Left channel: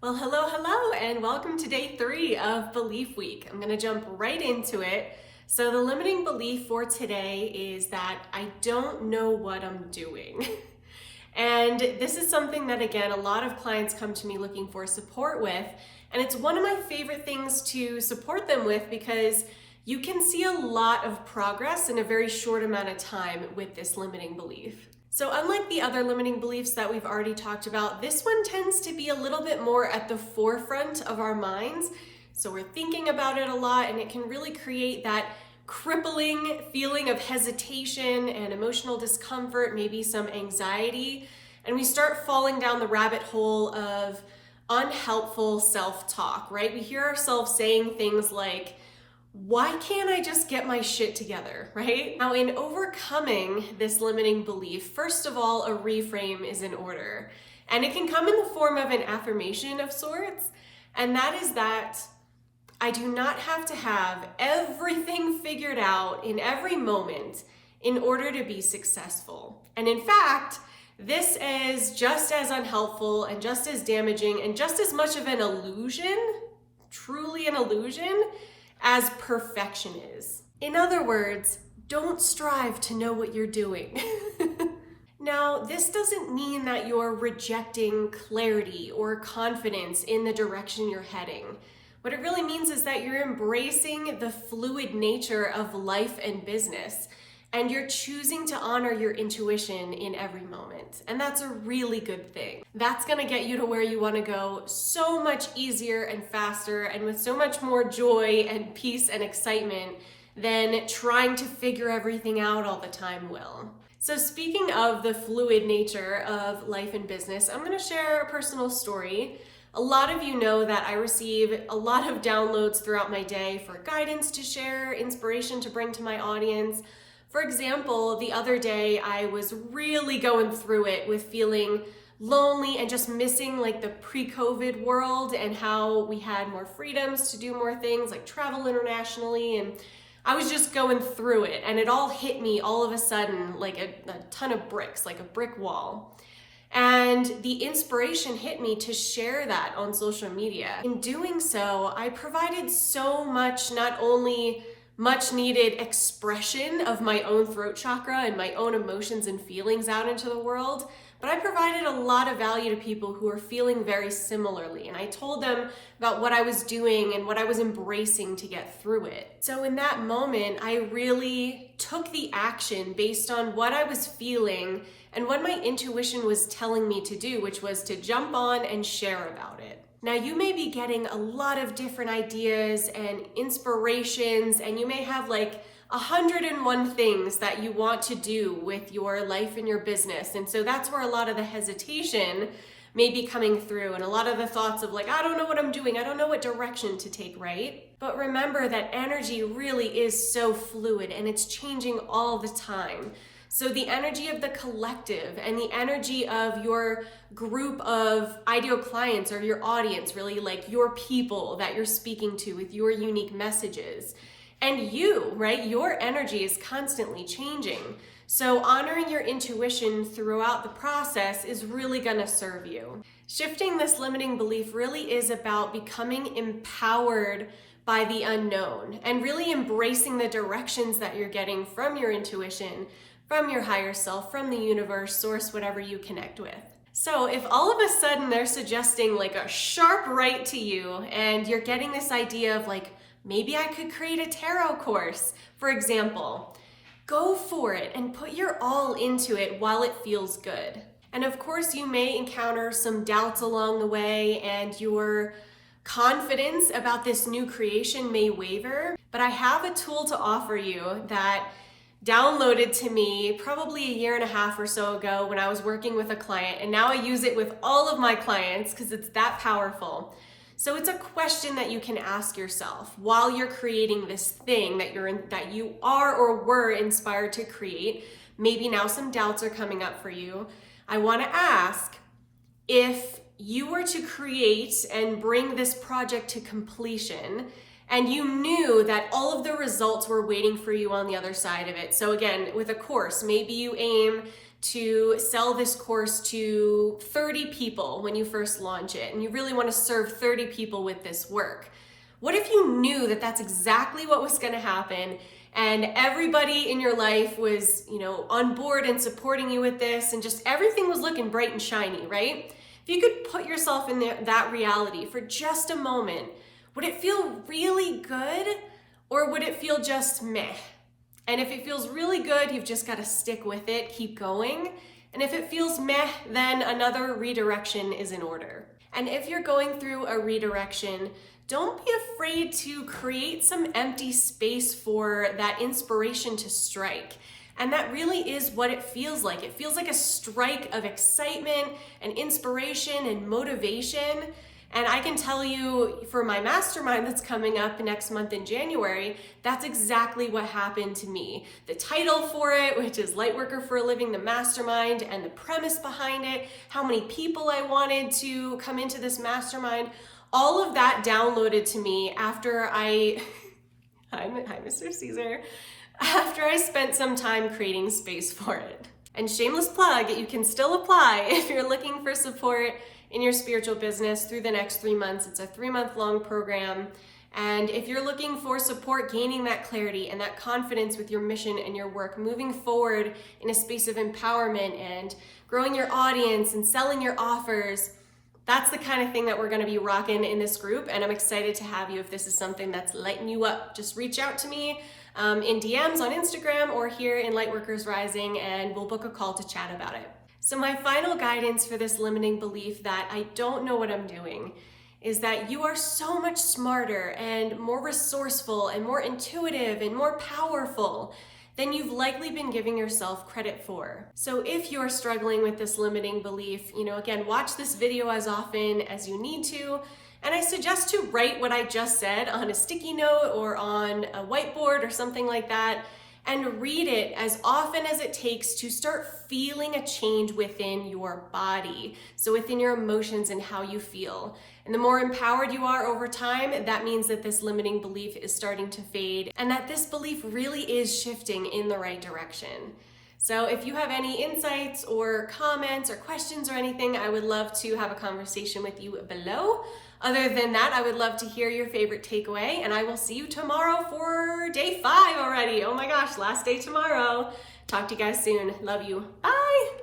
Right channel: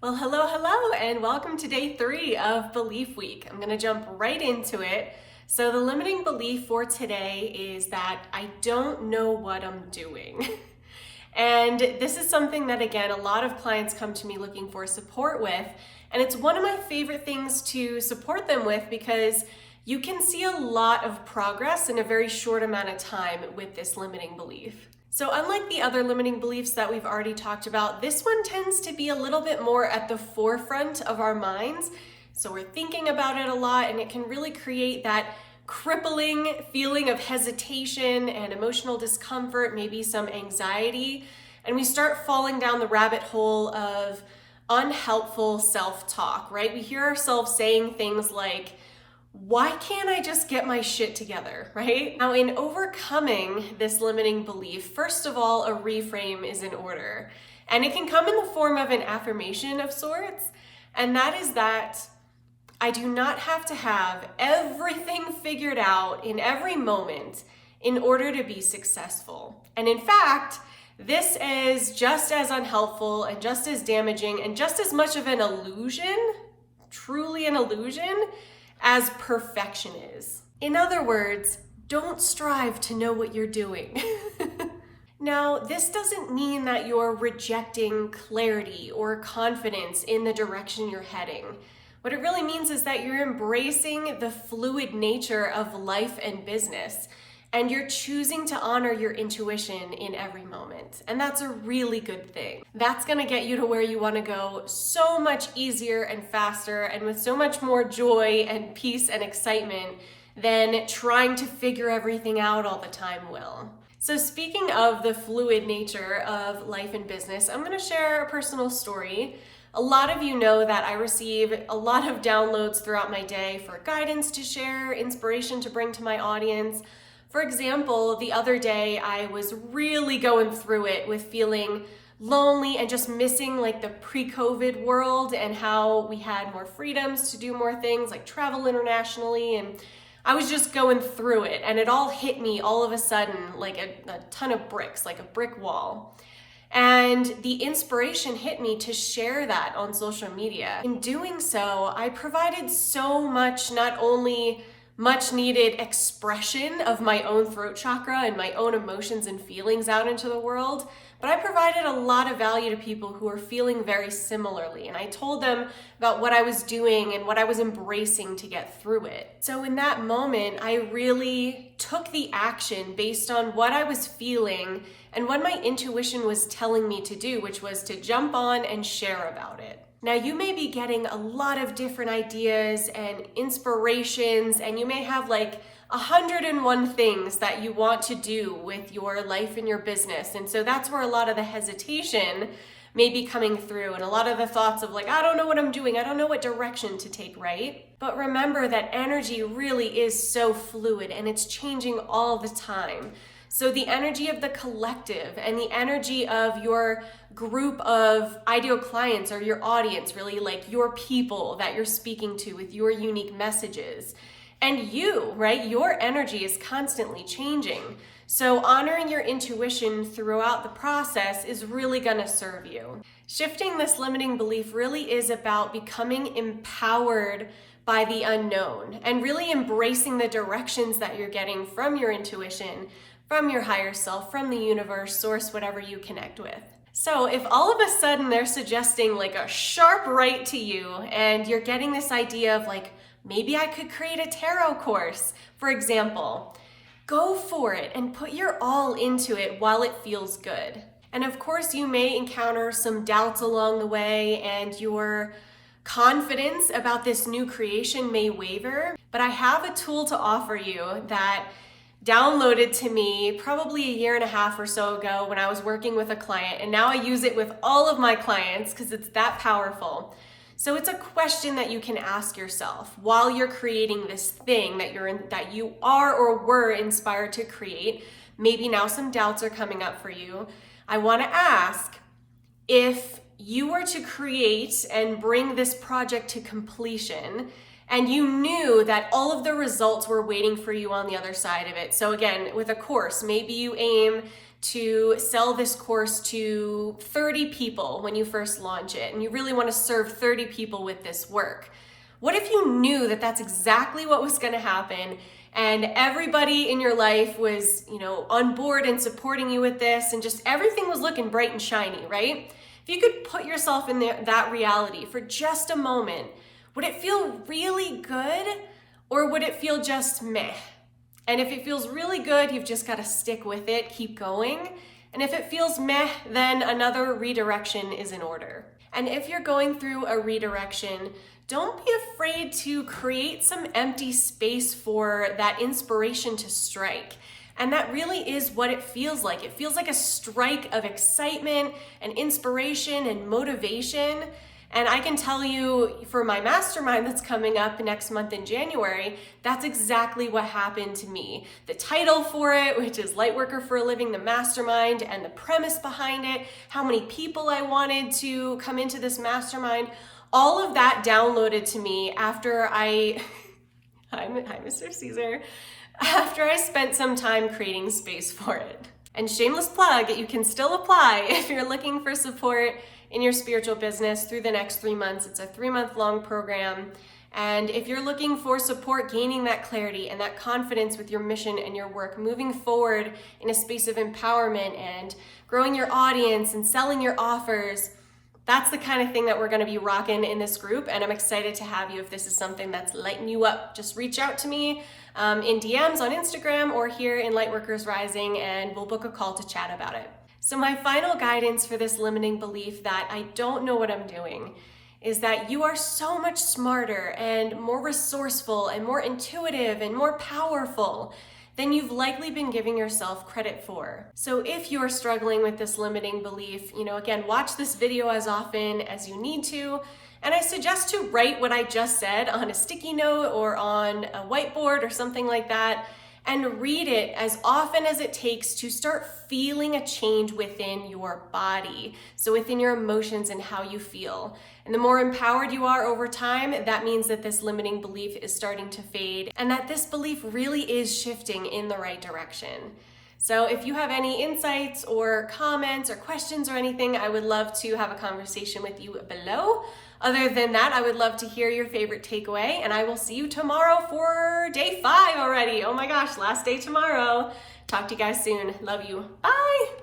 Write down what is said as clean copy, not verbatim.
Well, hello, and welcome to day 3 of Belief Week. I'm gonna jump right into it. So the limiting belief for today is that I don't know what I'm doing. And this is something that, again, a lot of clients come to me looking for support with. And it's one of my favorite things to support them with because you can see a lot of progress in a very short amount of time with this limiting belief. So unlike the other limiting beliefs that we've already talked about, this one tends to be a little bit more at the forefront of our minds. So we're thinking about it a lot, and it can really create that crippling feeling of hesitation and emotional discomfort, maybe some anxiety. And we start falling down the rabbit hole of unhelpful self-talk, right? We hear ourselves saying things like, why can't I just get my shit together, right? Now, in overcoming this limiting belief, first of all, a reframe is in order. And it can come in the form of an affirmation of sorts. And that is that I do not have to have everything figured out in every moment in order to be successful. And in fact, this is just as unhelpful and just as damaging and just as much of an illusion, truly an illusion, as perfection is. In other words, don't strive to know what you're doing. Now, this doesn't mean that you're rejecting clarity or confidence in the direction you're heading. What it really means is that you're embracing the fluid nature of life and business, and you're choosing to honor your intuition in every moment. And that's a really good thing. That's gonna get you to where you wanna go so much easier and faster and with so much more joy and peace and excitement than trying to figure everything out all the time will. So speaking of the fluid nature of life and business, I'm gonna share a personal story. A lot of you know that I receive a lot of downloads throughout my day for guidance to share, inspiration to bring to my audience. For example, the other day I was really going through it with feeling lonely and just missing like the pre-COVID world and how we had more freedoms to do more things like travel internationally. And I was just going through it, and it all hit me all of a sudden like a ton of bricks, like a brick wall. And the inspiration hit me to share that on social media. In doing so, I provided so much, not only much needed expression of my own throat chakra and my own emotions and feelings out into the world, but I provided a lot of value to people who are feeling very similarly. And I told them about what I was doing and what I was embracing to get through it. So in that moment, I really took the action based on what I was feeling and what my intuition was telling me to do, which was to jump on and share about it. Now, you may be getting a lot of different ideas and inspirations, and you may have like 101 things that you want to do with your life and your business. And so that's where a lot of the hesitation may be coming through, and a lot of the thoughts of like, I don't know what I'm doing, I don't know what direction to take, right? But remember that energy really is so fluid and it's changing all the time. So the energy of the collective and the energy of your group of ideal clients or your audience, really like your people that you're speaking to with your unique messages, and you, right? Your energy is constantly changing. So honoring your intuition throughout the process is really gonna serve you. Shifting this limiting belief really is about becoming empowered by the unknown and really embracing the directions that you're getting from your intuition, from your higher self, from the universe, source, whatever you connect with. So if all of a sudden they're suggesting like a sharp right to you and you're getting this idea of like, maybe I could create a tarot course, for example, go for it and put your all into it while it feels good. And of course, you may encounter some doubts along the way and your confidence about this new creation may waver, but I have a tool to offer you that downloaded to me probably a year and a half or so ago when I was working with a client, and now I use it with all of my clients because it's that powerful. So it's a question that you can ask yourself while you're creating this thing that you are or were inspired to create. Maybe now some doubts are coming up for you. I want to ask, if you were to create and bring this project to completion, and you knew that all of the results were waiting for you on the other side of it. So again, with a course, maybe you aim to sell this course to 30 people when you first launch it, and you really want to serve 30 people with this work. What if you knew that that's exactly what was going to happen, and everybody in your life was, on board and supporting you with this, and just everything was looking bright and shiny, right? If you could put yourself in that reality for just a moment, would it feel really good, or would it feel just meh? And if it feels really good, you've just got to stick with it, keep going. And if it feels meh, then another redirection is in order. And if you're going through a redirection, don't be afraid to create some empty space for that inspiration to strike. And that really is what it feels like. It feels like a strike of excitement and inspiration and motivation. And I can tell you, for my mastermind that's coming up next month in January, that's exactly what happened to me. The title for it, which is Lightworker for a Living, the Mastermind, and the premise behind it, how many people I wanted to come into this mastermind, all of that downloaded to me after hi Mr. Caesar, after I spent some time creating space for it. And shameless plug, you can still apply if you're looking for support in your spiritual business through the next 3 months. It's a 3-month long program. And if you're looking for support gaining that clarity and that confidence with your mission and your work, moving forward in a space of empowerment and growing your audience and selling your offers, that's the kind of thing that we're going to be rocking in this group. And I'm excited to have you if this is something that's lighting you up. Just reach out to me in DMs on Instagram or here in Lightworkers Rising, and we'll book a call to chat about it. So my final guidance for this limiting belief that I don't know what I'm doing is that you are so much smarter and more resourceful and more intuitive and more powerful than you've likely been giving yourself credit for. So if you're struggling with this limiting belief, again, watch this video as often as you need to. And I suggest to write what I just said on a sticky note or on a whiteboard or something like that, and read it as often as it takes to start feeling a change within your body. So within your emotions and how you feel. And the more empowered you are over time, that means that this limiting belief is starting to fade and that this belief really is shifting in the right direction. So if you have any insights or comments or questions or anything, I would love to have a conversation with you below. Other than that, I would love to hear your favorite takeaway, and I will see you tomorrow for day 5 already. Oh my gosh, last day tomorrow. Talk to you guys soon. Love you. Bye.